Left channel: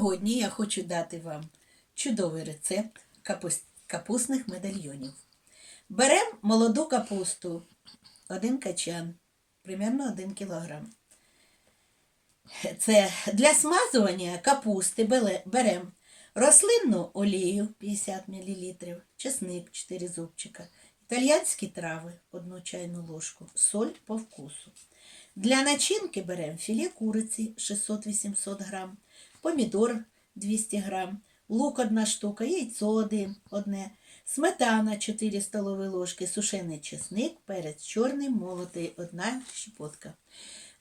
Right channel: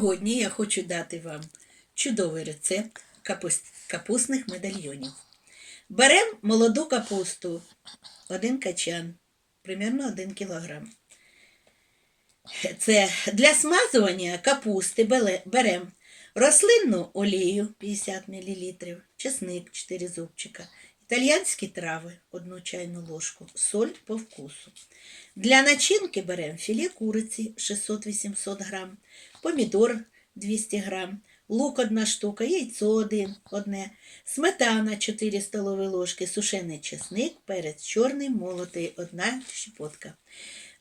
Сьогодні я хочу дати вам чудовий рецепт капус- капустних медальйонів. Беремо молоду капусту, один качан, примерно 1 кілограм. Це для смазування капусти беремо рослинну олію 50 мл, чесник 4 зубчика, італіянські трави 1 чайну ложку, соль по вкусу. Для начинки беремо філе куриці 600-800 грам, помідор 200 грам, лук 1 штука, яйцо 1, одне, сметана 4 столові ложки, сушений чесник, перець чорний, молотий 1 щепотка.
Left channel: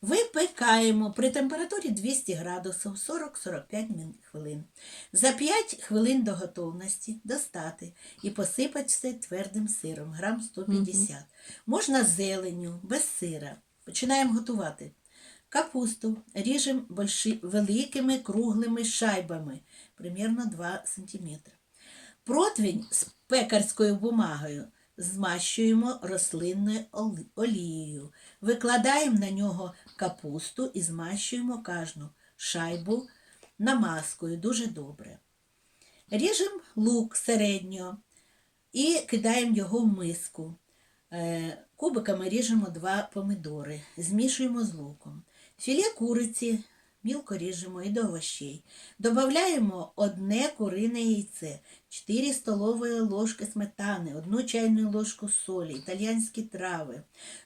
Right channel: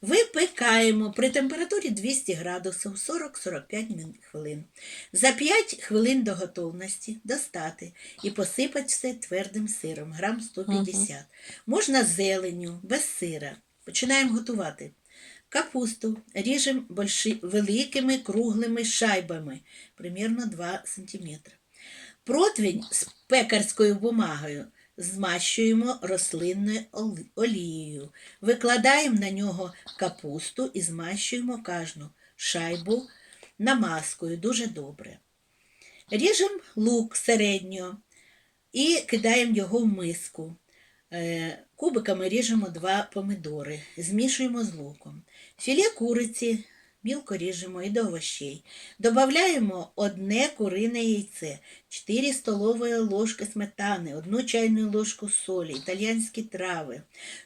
Випікаємо при температурі 200 градусів 40-45 хвилин. За 5 хвилин до готовності достати і посипати все твердим сиром, грам 150. Можна зеленю, без сира. Починаємо готувати. Капусту ріжемо великими круглими шайбами, примерно 2 см. Противень з пекарською бумагою змащуємо рослинною олією. Викладаємо на нього капусту і змащуємо кожну шайбу намазкою дуже добре. Ріжемо лук середньо і кидаємо його в миску. Е, Кубиками ріжемо два помидори, змішуємо з луком. Філе куриці мілко ріжемо і до овощей. Додаємо одне курине яйце, 4 столові ложки сметани, 1 чайну ложку солі, італіянські трави,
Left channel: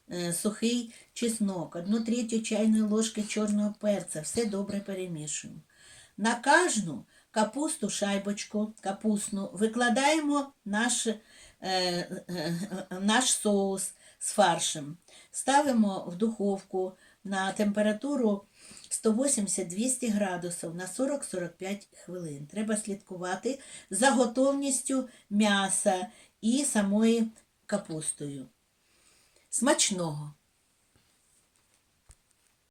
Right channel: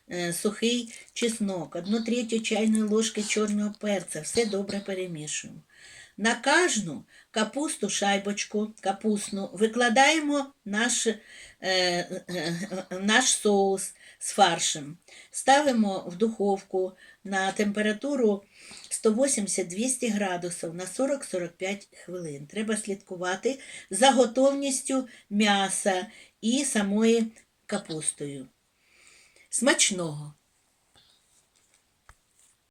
е, сухий чеснок, 1 третю чайної ложки чорного перця. Все добре перемішуємо. На кожну капусту шайбочку капустну викладаємо наш, наш соус з фаршем. Ставимо в духовку на температуру 180-200 градусів на 40-45 хвилин. Треба слідкувати за готовністю м'яса і самої капустою. Смачного!